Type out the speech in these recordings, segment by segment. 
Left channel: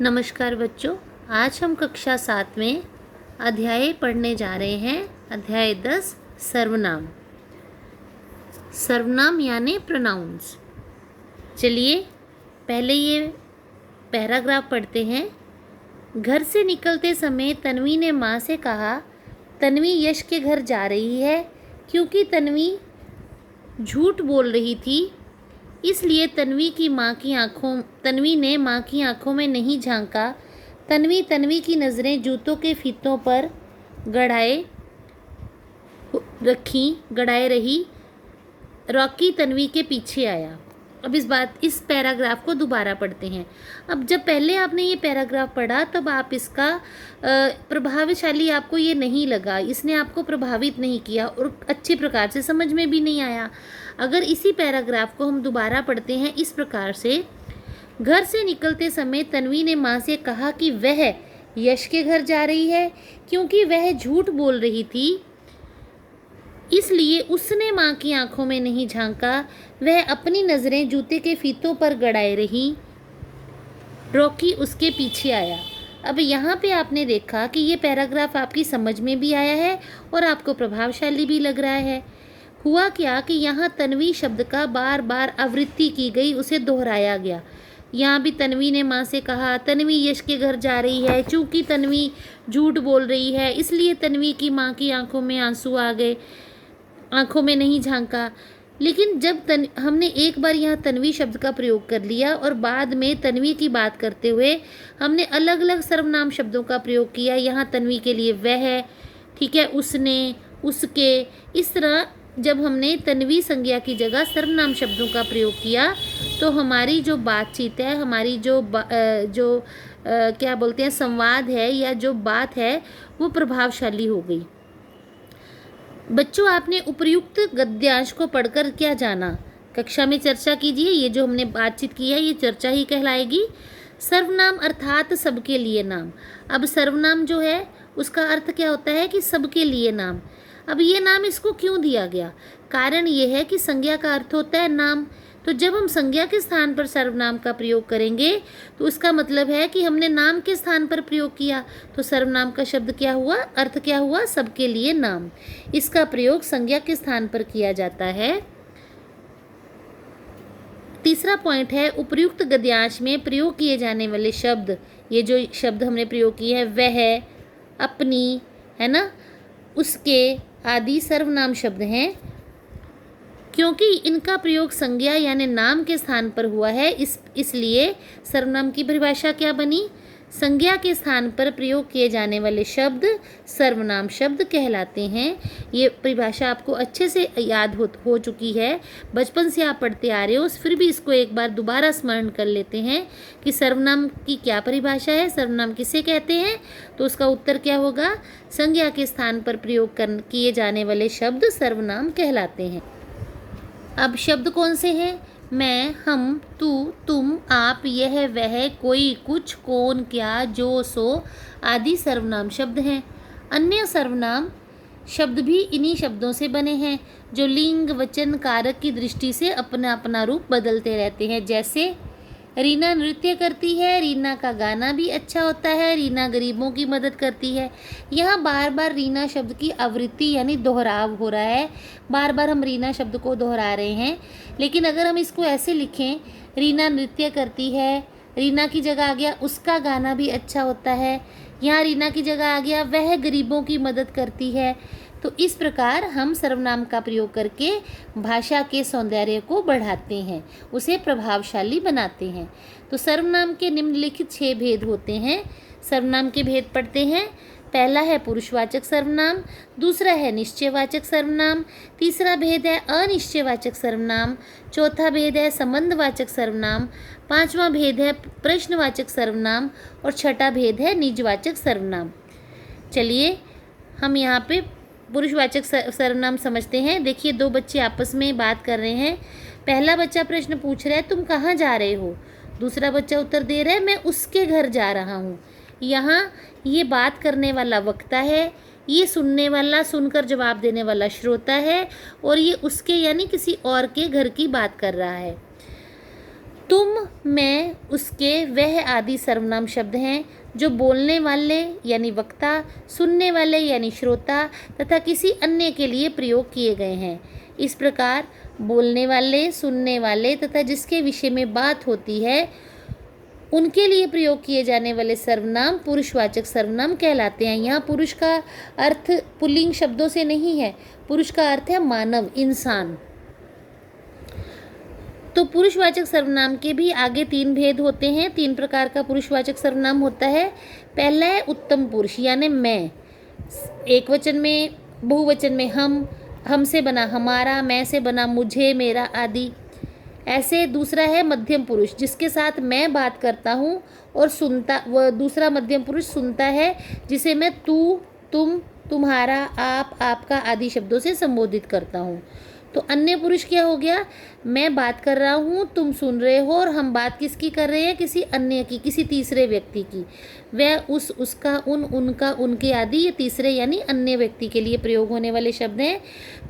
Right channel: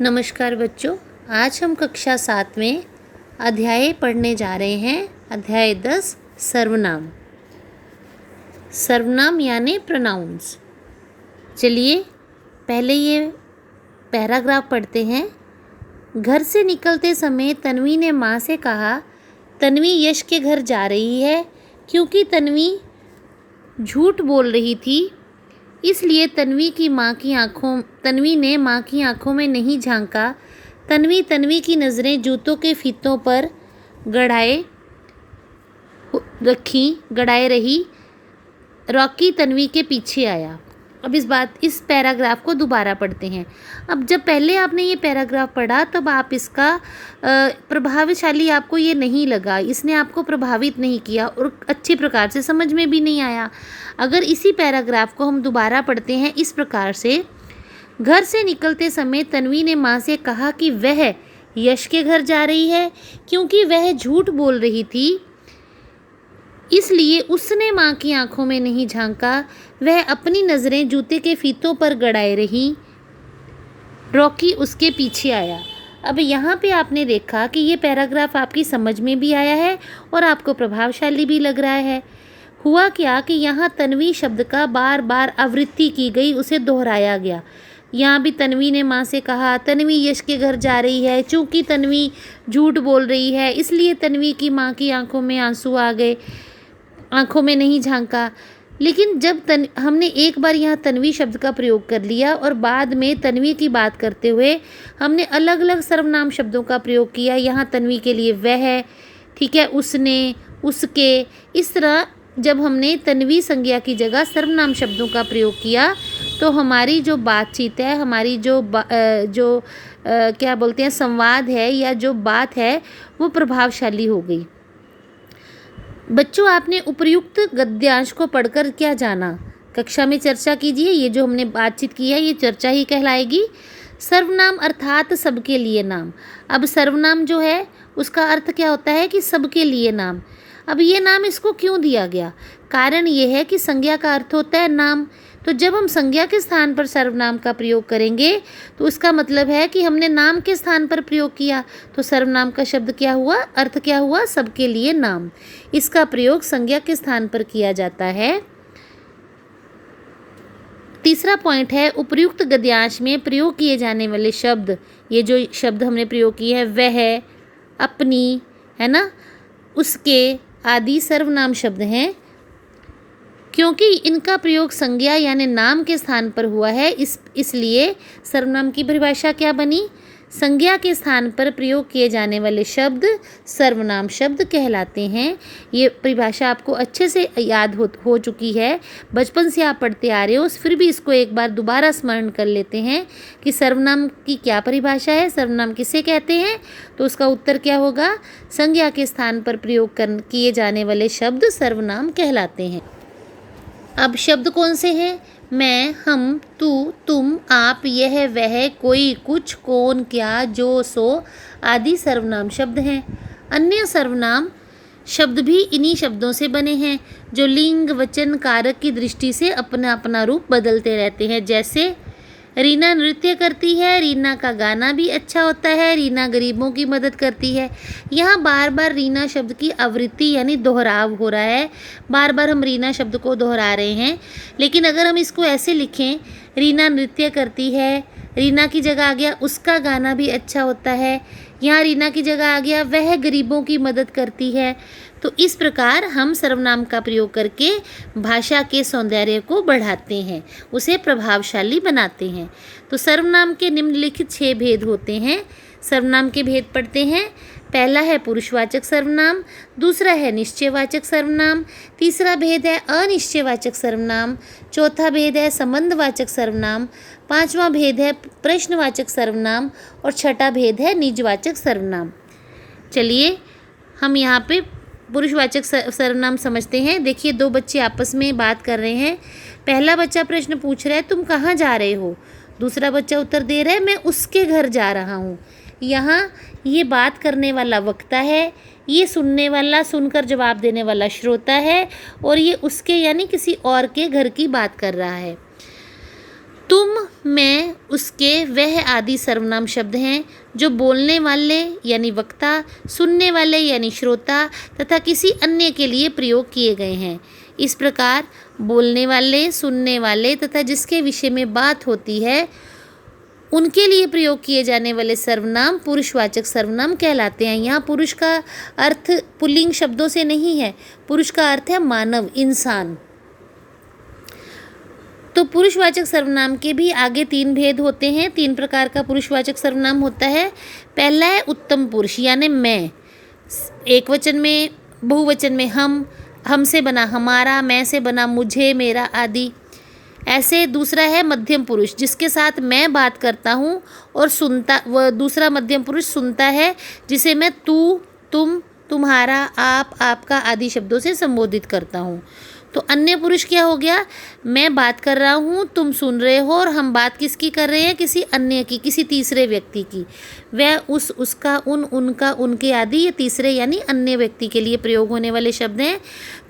नमस्कार बच्चों, आज हम कक्षा 7 में अध्याय पढ़ने जा रहे हैं। अध्याय 10 सर्वनाम। सर्वनाम यानी प्रोनाउंस। चलिए पहले ये पैराग्राफ पढ़ते हैं। घर से निकलते समय तन्वी ने माँ से कहा, तन्वी यश के घर जा रही है। क्योंकि तन्वी झूठ बोल रही थी, इसलिए तन्वी ने माँ की आंखों में नहीं झांका। तन्वी की नज़रें जूतों के फीतों पर गड़ाए रही। रॉकी तन्वी के पीछे आया। अब इस पैराग्राफ को दोबारा पढ़ते हैं। अब जब पहले आपने ये पैराग्राफ पढ़ा तब आप इसका प्रभावशाली आपको ये नहीं लगा, इसने आपको प्रभावित नहीं किया और अच्छे प्रकार से समझ में भी नहीं आया। अगर इसी पैराग्राफ को हम दोबारा पढ़ते हैं इस प्रकार से, घर से निकलते समय तन्वी ने माँ से कहा कि वह यश के घर जा रही है। क्योंकि वह झूठ बोल रही थी, इसलिए उसने माँ की आंखों में नहीं झांका। वह अपनी नज़रें जूते के फीतों पर गड़ाए रही। रॉकी उसके पीछे आया। अब यहाँ पे आपने देखा कि ये पैराग्राफ आपकी समझ में भी आया है और आपको प्रभावशाली भी लग रहा है। हुआ क्या कि यहाँ तन्वी शब्द का बार बार आवृत्ति की गई, उसे दोहराया गया। यहाँ भी तन्वी ने माँ से कहा, तन्वी यश के घर जा रही है। चूँकि तन्वी झूठ बोल रही है, इसलिए तन्वी की माँ की आंखों में आंसू आ गए, आंखों में नहीं झांका। लेकिन जब हमने एक बार यहाँ तन्वी शब्द का प्रयोग कर लिया और बाद में तन्वी की बात करते हुए हमने अलग अलग सर्वनाम शब्दों का प्रयोग किया। यहाँ तन्वी के लिए वह, ठीक है, उसने, उसके, इस तरह जब हमने तन्वी संज्ञा की जगह सर्वनाम शब्दों का प्रयोग किया तो हमारी जो बातचीत है, हमारी क्या बोलते हैं, संवाद है या जो बात है वो प्रभावशाली हो गई। बच्चों, आपने उपर्युक्त गद्यांश को पढ़कर क्या जाना? कक्षा में चर्चा कीजिए। ये जो हमने बातचीत की है ये चर्चा ही कहलाएगी। सर्वनाम अर्थात सबके लिए नाम। अब सर्वनाम जो है उसका अर्थ क्या होता है कि सबके लिए नाम। अब ये नाम इसको क्यों दिया गया? कारण ये है कि संज्ञा का अर्थ होता है नाम। तो जब हम संज्ञा के स्थान पर सर्वनाम का प्रयोग करेंगे तो उसका मतलब है कि हमने नाम के स्थान पर प्रयोग किया। तो सर्वनाम का शब्द क्या हुआ, अर्थ क्या हुआ? सबके लिए नाम। इसका प्रयोग संज्ञा के स्थान पर किया जाता है। तीसरा पॉइंट है, उपर्युक्त गद्यांश में प्रयोग किए जाने वाले शब्द। ये जो शब्द हमने प्रयोग किए हैं, वह, अपनी, है ना, उसके आदि सर्वनाम शब्द हैं। क्योंकि इनका प्रयोग संज्ञा यानी नाम के स्थान पर हुआ है, इसलिए सर्वनाम की परिभाषा क्या बनी? संज्ञा के स्थान पर प्रयोग किए जाने वाले शब्द सर्वनाम शब्द कहलाते हैं। ये परिभाषा आपको अच्छे से याद हो चुकी है, बचपन से आप पढ़ते आ रहे हो, फिर भी इसको एक बार दोबारा स्मरण कर लेते हैं कि सर्वनाम की क्या परिभाषा है, सर्वनाम किसे कहते हैं। तो उसका उत्तर क्या होगा? संज्ञा के स्थान पर प्रयोग किए जाने वाले शब्द सर्वनाम कहलाते हैं। अब शब्द कौन से हैं? मैं, हम, तू, तुम, आप, यह, वह, कोई, कुछ, कौन, क्या, जो, सो आदि सर्वनाम शब्द हैं। अन्य सर्वनाम शब्द भी इन्हीं शब्दों से बने हैं जो लिंग, वचन, कारक की दृष्टि से अपना अपना रूप बदलते रहते हैं। जैसे रीना नृत्य करती है, रीना का गाना भी अच्छा होता है, रीना गरीबों की मदद करती है। यहाँ बार बार रीना शब्द की आवृत्ति यानी दोहराव हो रहा है। बार बार हम रीना शब्द को दोहरा रहे हैं। लेकिन अगर हम इसको ऐसे लिखें, रीना नृत्य करती है, रीना की जगह आ गया उसका गाना भी अच्छा होता है, यहाँ रीना की जगह आ गया वह गरीबों की मदद करती है। तो इस प्रकार हम सर्वनाम का प्रयोग करके भाषा के सौंदर्य को बढ़ाते हैं, उसे प्रभावशाली बनाते हैं। तो सर्वनाम के निम्नलिखित 6 भेद होते हैं। सर्वनाम के भेद पढ़ते हैं। पहला है पुरुषवाचक सर्वनाम, दूसरा है निश्चयवाचक सर्वनाम, तीसरा भेद है अनिश्चयवाचक सर्वनाम, चौथा भेद है संबंधवाचक सर्वनाम, पांचवा भेद है प्रश्नवाचक सर्वनाम और छठा भेद है निजवाचक सर्वनाम। चलिए हम यहाँ पे पुरुषवाचक सर्वनाम समझते हैं। देखिए, 2 बच्चे आपस में बात कर रहे हैं। पहला बच्चा प्रश्न पूछ रहा है, तुम कहाँ जा रहे हो? दूसरा बच्चा उत्तर दे रहा है, मैं उसके घर जा रहा हूँ। यहाँ ये बात करने वाला वक्ता है, ये सुनने वाला, सुनकर जवाब देने वाला श्रोता है और ये उसके यानी किसी और के घर की बात कर रहा है। तुम, मैं, उसके, वह आदि सर्वनाम शब्द हैं जो बोलने वाले यानी वक्ता, सुनने वाले यानी श्रोता तथा किसी अन्य के लिए प्रयोग किए गए हैं। इस प्रकार बोलने वाले, सुनने वाले तथा जिसके विषय में बात होती है उनके लिए प्रयोग किए जाने वाले सर्वनाम पुरुषवाचक सर्वनाम कहलाते हैं। यहाँ पुरुष का अर्थ पुल्लिंग शब्दों से नहीं है, पुरुष का अर्थ है मानव, इंसान। तो पुरुषवाचक सर्वनाम के भी आगे 3 भेद होते हैं। 3 प्रकार का पुरुषवाचक सर्वनाम होता है। पहला है उत्तम पुरुष यानी मैं, एक वचन में, बहुवचन में हम, हमसे बना हमारा, मैं से बना मुझे, मेरा आदि। ऐसे दूसरा है मध्यम पुरुष जिसके साथ मैं बात करता हूँ और सुनता, वह दूसरा मध्यम पुरुष सुनता है जिसे मैं तू, तुम, तुम्हारा, आप, आपका आदि शब्दों से संबोधित करता हूँ। तो अन्य पुरुष क्या हो गया, मैं बात कर रहा हूँ, तुम सुन रहे हो और हम बात किसकी कर रहे हैं, किसी अन्य की, किसी तीसरे व्यक्ति की। वह, उस, उसका, उन, उनका, उनके आदि ये तीसरे यानी अन्य व्यक्ति के लिए प्रयोग होने वाले शब्द हैं।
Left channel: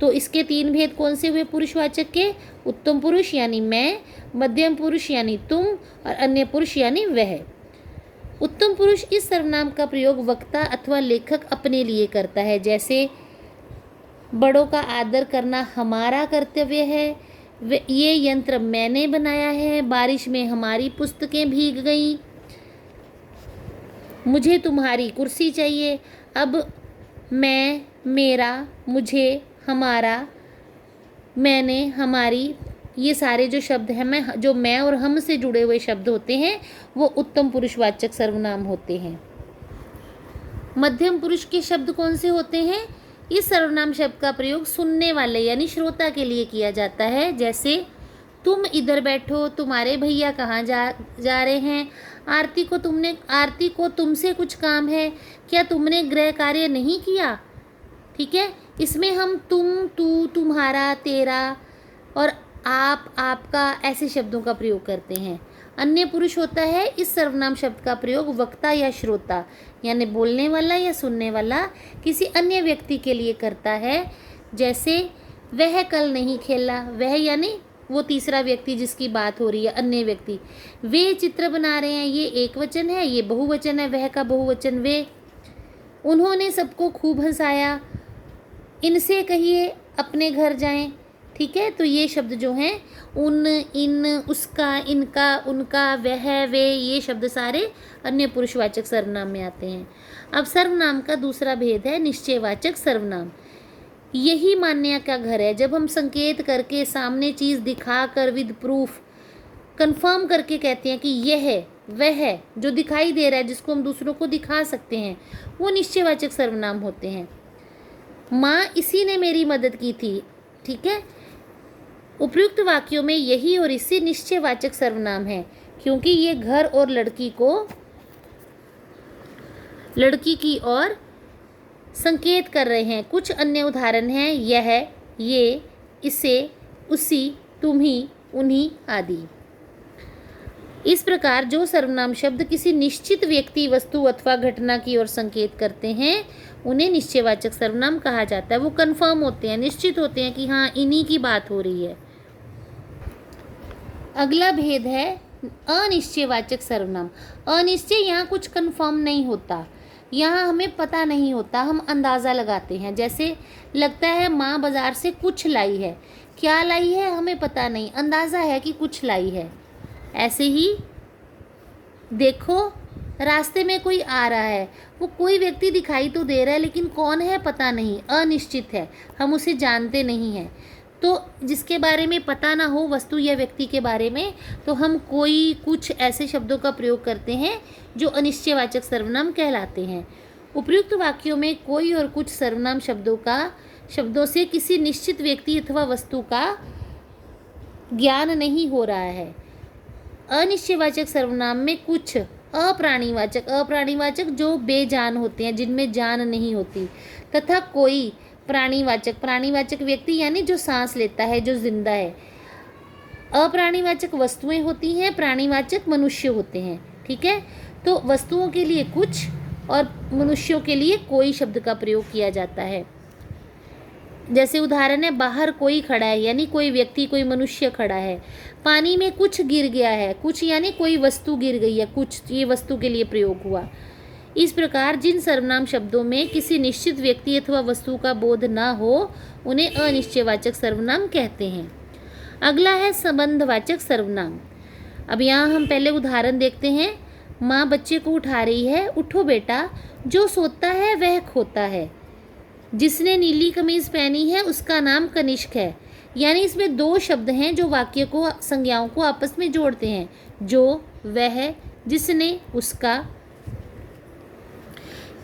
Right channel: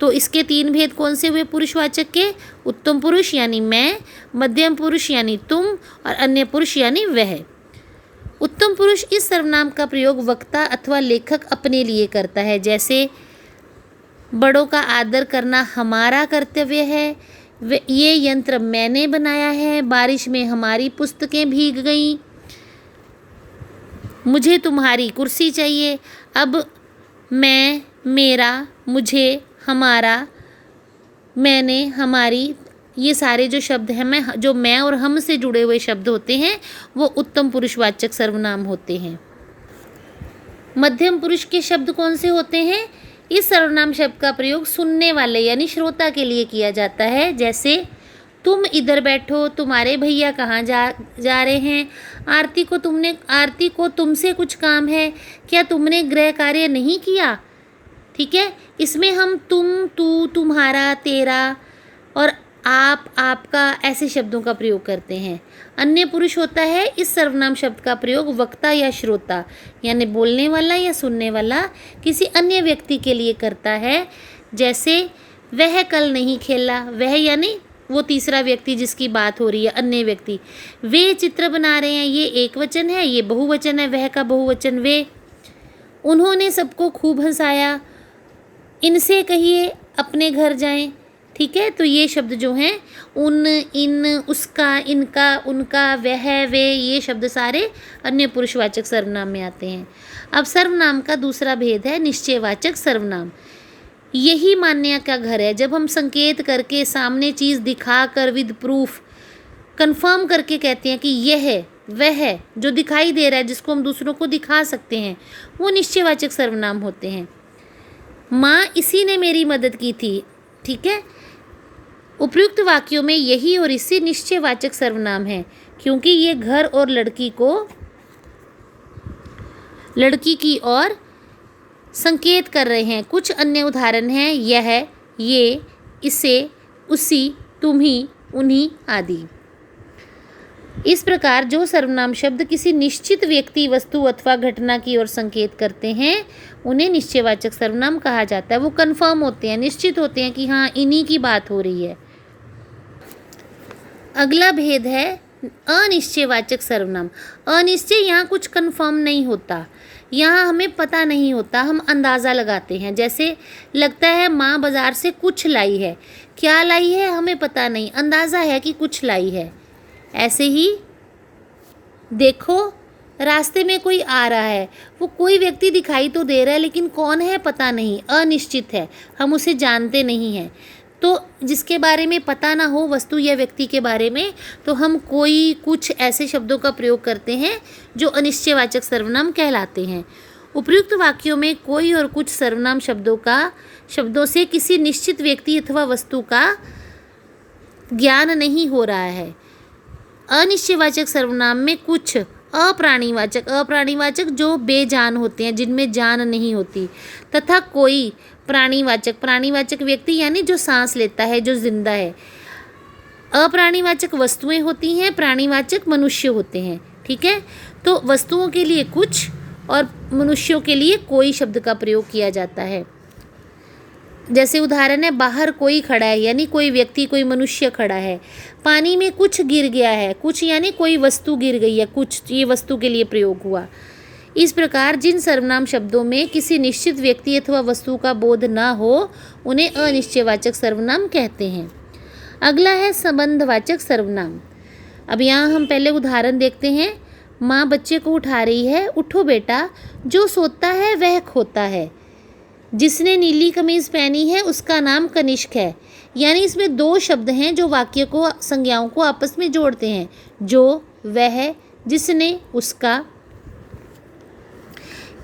तो इसके 3 भेद कौन से हुए पुरुषवाचक के, उत्तम पुरुष यानी मैं, मध्यम पुरुष यानी तुम और अन्य पुरुष यानी वह। उत्तम पुरुष इस सर्वनाम का प्रयोग वक्ता अथवा लेखक अपने लिए करता है। जैसे बड़ों का आदर करना हमारा कर्तव्य है, ये यंत्र मैंने बनाया है, बारिश में हमारी पुस्तकें भीग गईं, मुझे तुम्हारी कुर्सी चाहिए। अब मैं, मेरा, मुझे, हमारा, मैंने, हमारी, ये सारे जो शब्द हैं, जो मैं और हम से जुड़े हुए शब्द होते हैं वो उत्तम पुरुषवाचक सर्वनाम होते हैं। मध्यम पुरुष के शब्द कौन से होते हैं, इस सर्वनाम शब्द का प्रयोग सुनने वाले यानी श्रोता के लिए किया जाता है। जैसे तुम इधर बैठो, तुम्हारे भैया कहाँ जा रहे हैं, आरती को तुमसे कुछ काम है, क्या तुमने गृह कार्य नहीं किया। ठीक है, इसमें हम तुम, तू, तुम्हारा, तेरा और आप, आपका ऐसे शब्दों का प्रयोग करते हैं। अन्य पुरुष होता है इस सर्वनाम शब्द का प्रयोग वक्ता या श्रोता यानी बोलने वाला या सुनने वाला किसी अन्य व्यक्ति के लिए करता है। जैसे वह कल नहीं खेला, वह यानी वो तीसरा व्यक्ति जिसकी बात हो रही है, अन्य व्यक्ति। वे चित्र बना रहे हैं, ये एक वचन है, ये बहुवचन है, वह का बहुवचन वे। उन्होंने सबको खूब हंसाया, इनसे कहिए अपने घर जाएं। ठीक है, तो ये शब्द जो हैं उन, इन, उसका, इनका, उनका, वह, वे, ये शब्द सारे अन्य पुरुषवाचक सर्वनाम में आते हैं। अब सर्वनाम का दूसरा भेद है निश्चयवाचक सर्वनाम। यही मान्य का घर है, जब हम संकेत करके सामने चीज़ दिखा कर विद प्रूफ कंफर्म करके कहते हैं कि यह है, वह है, जो दिखाई दे रहा है, जिसको हम दूसरों को दिखा सकते हैं, वो निश्चयवाचक सर्वनाम होते हैं। माँ इसी ने मेरी मदद की थी। ठीक है, उपयुक्त वाक्यों में यही और इसी निश्चयवाचक सर्वनाम है क्योंकि ये घर और लड़की की ओर संकेत कर रहे हैं। कुछ अन्य उदाहरण हैं यह, ये, इसे, उसी, तुम्ही, उन्हीं आदि। इस प्रकार जो सर्वनाम शब्द किसी निश्चित व्यक्ति, वस्तु अथवा घटना की ओर संकेत करते हैं उन्हें निश्चयवाचक सर्वनाम कहा जाता है। वो कंफर्म होते हैं, निश्चित होते हैं कि हाँ इन्हीं की बात हो रही है। अगला भेद है अनिश्चयवाचक सर्वनाम। अनिश्चय, यहाँ कुछ कंफर्म नहीं होता, यहाँ हमें पता नहीं होता, हम अंदाज़ा लगाते हैं। जैसे लगता है माँ बाज़ार से कुछ लाई है, क्या लाई है हमें पता नहीं, अंदाज़ा है कि कुछ लाई है। ऐसे ही देखो रास्ते में कोई आ रहा है, वो कोई व्यक्ति दिखाई तो दे रहा है लेकिन कौन है पता नहीं, अनिश्चित है, हम उसे जानते नहीं हैं। तो जिसके बारे में पता ना हो, वस्तु या व्यक्ति के बारे में, तो हम कोई, कुछ ऐसे शब्दों का प्रयोग करते हैं जो अनिश्चयवाचक सर्वनाम कहलाते हैं। उपयुक्त वाक्यों में कोई और कुछ सर्वनाम शब्दों से किसी निश्चित व्यक्ति अथवा वस्तु का ज्ञान नहीं हो रहा है। अनिश्चयवाचक सर्वनाम में कुछ अप्राणीवाचक जो बेजान होते हैं, जिनमें जान नहीं होती, तथा कोई प्राणीवाचक व्यक्ति यानी जो सांस लेता है, जो जिंदा है। अप्राणीवाचक वस्तुएं होती हैं, प्राणीवाचक मनुष्य होते हैं। ठीक है, तो वस्तुओं के लिए कुछ और मनुष्यों के लिए कोई शब्द का प्रयोग किया जाता है। जैसे उदाहरण है बाहर कोई खड़ा है यानी कोई व्यक्ति, कोई मनुष्य खड़ा है। पानी में कुछ गिर गया है, कुछ यानी कोई वस्तु गिर गई है, कुछ, ये वस्तु के लिए प्रयोग हुआ। इस प्रकार जिन सर्वनाम शब्दों में किसी निश्चित व्यक्ति अथवा वस्तु का बोध न हो उन्हें अनिश्चयवाचक सर्वनाम कहते हैं। अगला है संबंधवाचक सर्वनाम। अब यहाँ हम पहले उदाहरण देखते हैं। माँ बच्चे को उठा रही है, उठो बेटा, जो सोता है वह खोता है। जिसने नीली कमीज पहनी है उसका नाम कनिष्क है। यानी इसमें दो शब्द हैं जो वाक्य को, संज्ञाओं को आपस में जोड़ते हैं, जो, वह, जिसने, उसका।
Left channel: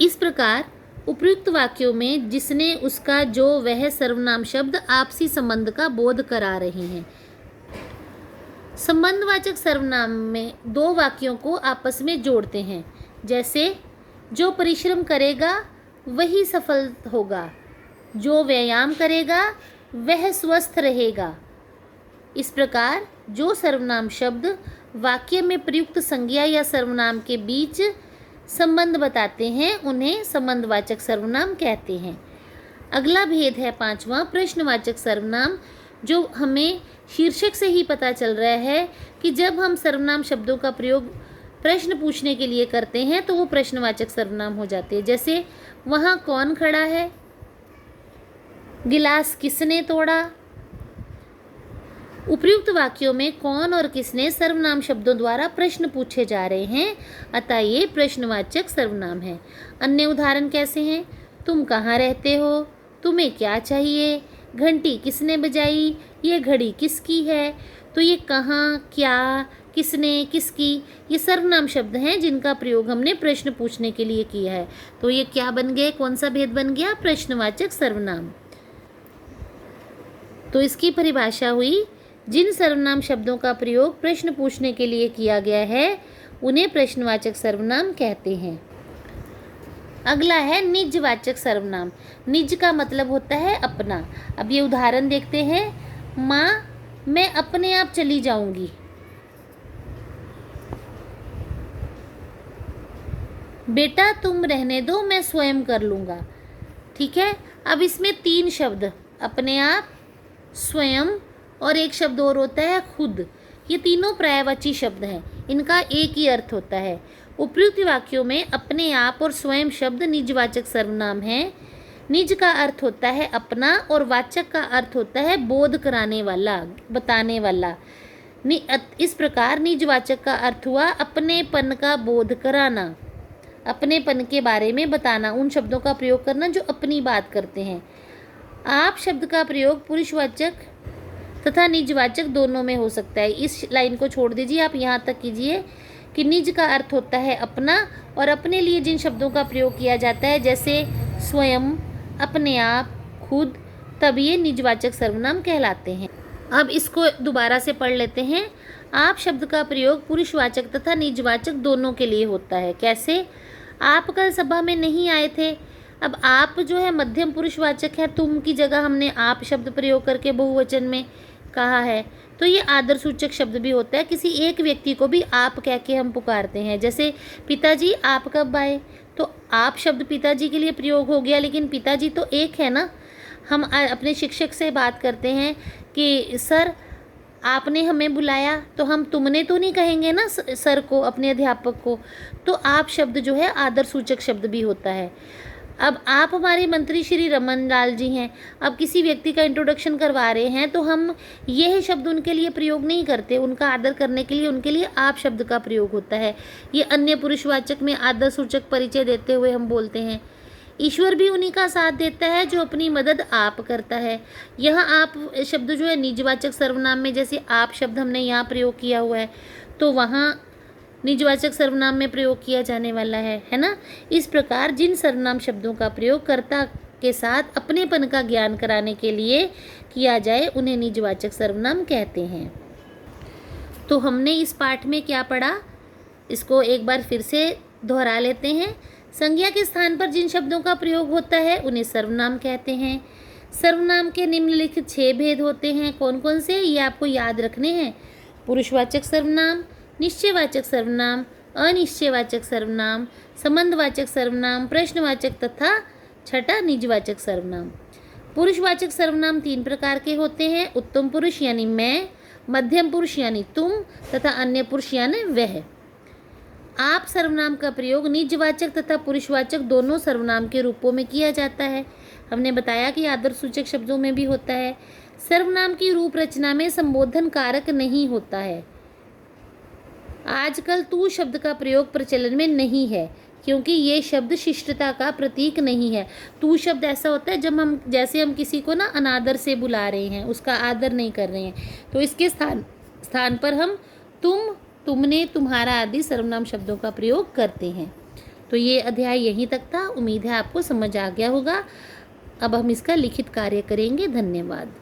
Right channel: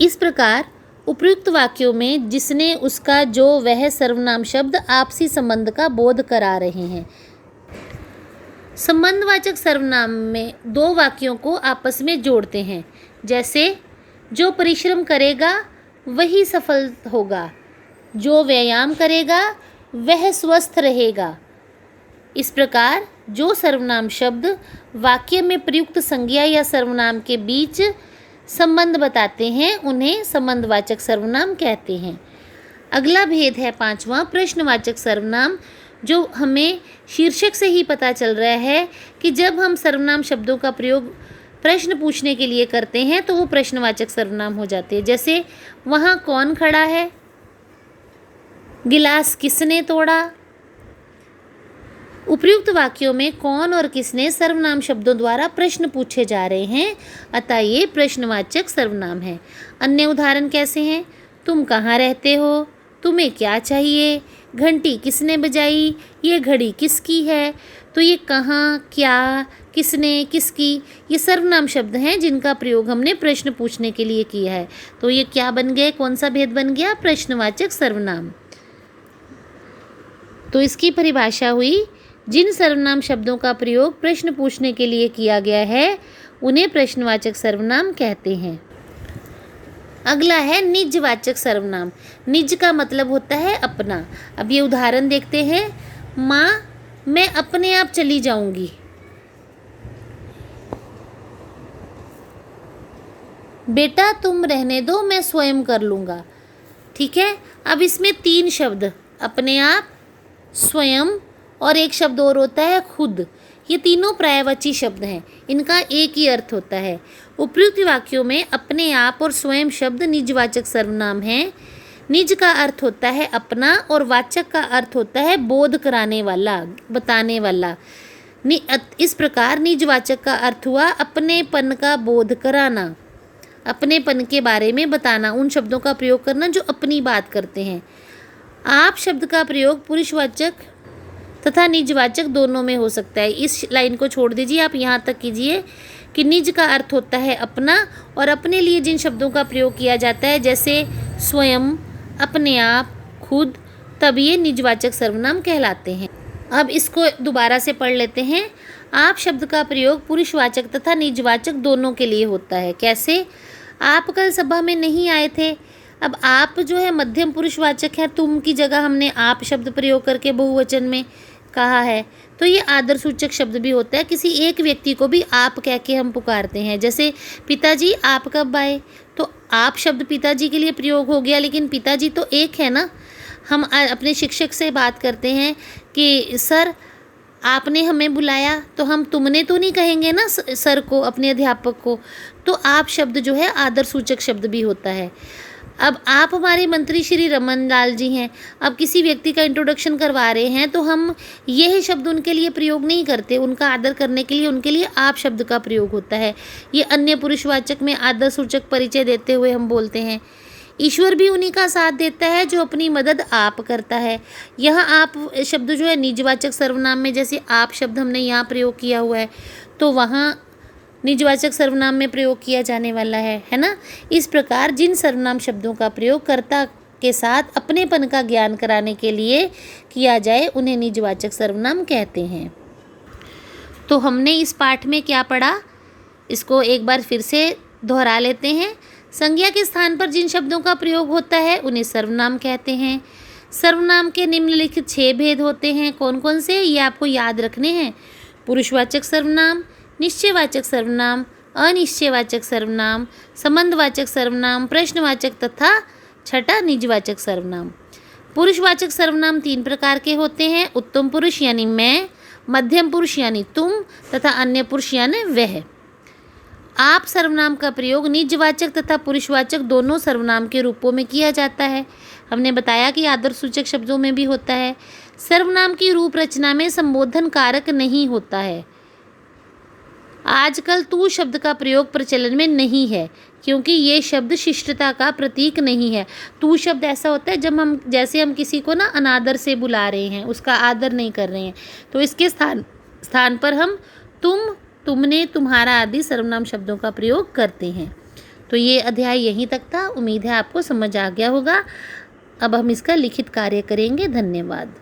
इस प्रकार उपयुक्त वाक्यों में जिसने, उसका, जो, वह सर्वनाम शब्द आपसी संबंध का बोध करा रहे हैं। संबंधवाचक सर्वनाम में दो वाक्यों को आपस में जोड़ते हैं, जैसे जो परिश्रम करेगा वही सफल होगा, जो व्यायाम करेगा वह स्वस्थ रहेगा। इस प्रकार जो सर्वनाम शब्द वाक्य में प्रयुक्त संज्ञा या सर्वनाम के बीच संबंध बताते हैं उन्हें संबंधवाचक सर्वनाम कहते हैं। अगला भेद है 5वां, प्रश्नवाचक सर्वनाम, जो हमें शीर्षक से ही पता चल रहा है कि जब हम सर्वनाम शब्दों का प्रयोग प्रश्न पूछने के लिए करते हैं तो वो प्रश्नवाचक सर्वनाम हो जाते हैं। जैसे वहाँ कौन खड़ा है, गिलास किसने तोड़ा। उपयुक्त वाक्यों में कौन और किसने सर्वनाम शब्दों द्वारा प्रश्न पूछे जा रहे हैं, अतः ये प्रश्नवाचक सर्वनाम है। अन्य उदाहरण कैसे हैं? तुम कहाँ रहते हो, तुम्हें क्या चाहिए, घंटी किसने बजाई, ये घड़ी किसकी है। तो ये कहाँ, क्या, किसने, किसकी, ये सर्वनाम शब्द हैं जिनका प्रयोग हमने प्रश्न पूछने के लिए किया है। तो ये क्या बन गए, कौन सा भेद बन गया? प्रश्नवाचक सर्वनाम। तो इसकी परिभाषा हुई, जिन सर्वनाम शब्दों का प्रयोग प्रश्न पूछने के लिए किया गया है उन्हें प्रश्नवाचक सर्वनाम कहते हैं। अगला है निजवाचक सर्वनाम। निज का मतलब होता है अपना। अब ये उदाहरण देखते हैं। माँ, मैं अपने आप चली जाऊंगी। बेटा, तुम रहने दो, मैं स्वयं कर लूँगा। ठीक है। अब इसमें 3 शब्द, अपने आप, स्वयं और एक शब्द और होता है खुद। ये तीनों पर्यायवाची शब्द हैं, इनका एक ही अर्थ होता है। उपयुक्त वाक्यों में अपने आप और स्वयं शब्द निजवाचक सर्वनाम हैं। निज का अर्थ होता है अपना और वाचक का अर्थ होता है बोध कराने वाला, बताने वाला। इस प्रकार निजवाचक का अर्थ हुआ अपनेपन का बोध कराना, अपनेपन के बारे में बताना, उन शब्दों का प्रयोग करना जो अपनी बात करते हैं। आप शब्द का प्रयोग पुरुषवाचक तथा निजवाचक दोनों में हो सकता है। इस लाइन को छोड़ दीजिए, आप यहाँ तक कीजिए कि निज का अर्थ होता है अपना, और अपने लिए जिन शब्दों का प्रयोग किया जाता है जैसे स्वयं, अपने आप, खुद, तब ये निजवाचक सर्वनाम कहलाते हैं। अब इसको दोबारा से पढ़ लेते हैं। आप शब्द का प्रयोग पुरुषवाचक तथा निजवाचक दोनों के लिए होता है। कैसे? आप कल सभा में नहीं आए थे। अब आप जो है मध्यम पुरुषवाचक है, तुम की जगह हमने आप शब्द प्रयोग करके बहुवचन में कहा है, तो ये आदर सूचक शब्द भी होता है। किसी एक व्यक्ति को भी आप कह के हम पुकारते हैं। जैसे पिताजी आप कब आए, तो आप शब्द पिताजी के लिए प्रयोग हो गया, लेकिन पिताजी तो एक है ना। हम अपने शिक्षक से बात करते हैं कि सर आपने हमें बुलाया, तो हम तुमने तो नहीं कहेंगे ना सर को, अपने अध्यापक को। तो आप शब्द जो है आदर सूचक शब्द भी होता है। अब आप हमारे मंत्री श्री रमन लाल जी हैं। अब किसी व्यक्ति का इंट्रोडक्शन करवा रहे हैं तो हम यह शब्द उनके लिए प्रयोग नहीं करते, उनका आदर करने के लिए उनके लिए आप शब्द का प्रयोग होता है। ये अन्य पुरुषवाचक में आदर सूचक परिचय देते हुए हम बोलते हैं। ईश्वर भी उन्हीं का साथ देता है जो अपनी मदद आप करता है। यह आप शब्द जो है निजवाचक सर्वनाम में, जैसे आप शब्द हमने यहाँ प्रयोग किया हुआ है तो वहाँ निजवाचक सर्वनाम में प्रयोग किया जाने वाला है ना। इस प्रकार जिन सर्वनाम शब्दों का प्रयोग कर्ता के साथ अपनेपन का ज्ञान कराने के लिए किया जाए उन्हें निजवाचक सर्वनाम कहते हैं। तो हमने इस पाठ में क्या पढ़ा, इसको एक बार फिर से दोहरा लेते हैं। संज्ञा के स्थान पर जिन शब्दों का प्रयोग होता है उन्हें सर्वनाम कहते हैं। सर्वनाम के निम्नलिखित 6 भेद होते हैं। कौन कौन से, ये आपको याद रखने हैं। पुरुषवाचक सर्वनाम, निश्चयवाचक सर्वनाम, अनिश्चयवाचक सर्वनाम, संबंधवाचक सर्वनाम, प्रश्नवाचक तथा छठा निजवाचक सर्वनाम। पुरुषवाचक सर्वनाम 3 प्रकार के होते हैं। उत्तम पुरुष यानी मैं, मध्यम पुरुष यानी तुम तथा अन्य पुरुष यानी वह। आप सर्वनाम का प्रयोग निजवाचक तथा पुरुषवाचक दोनों सर्वनाम के रूपों में किया जाता है। हमने बताया कि आदर्शसूचक शब्दों में भी होता है। सर्वनाम की रूप रचना में संबोधन कारक नहीं होता है। आजकल तू शब्द का प्रयोग प्रचलन में नहीं है, क्योंकि ये शब्द शिष्टता का प्रतीक नहीं है। तू शब्द ऐसा होता है जब जैसे हम किसी को ना अनादर से बुला रहे हैं, उसका आदर नहीं कर रहे हैं, तो इसके स्थान पर हम तुम, तुमने, तुम्हारा आदि सर्वनाम शब्दों का प्रयोग करते हैं। तो ये अध्याय यहीं तक था। उम्मीद है आपको समझ आ गया होगा। अब हम इसका लिखित कार्य करेंगे। धन्यवाद।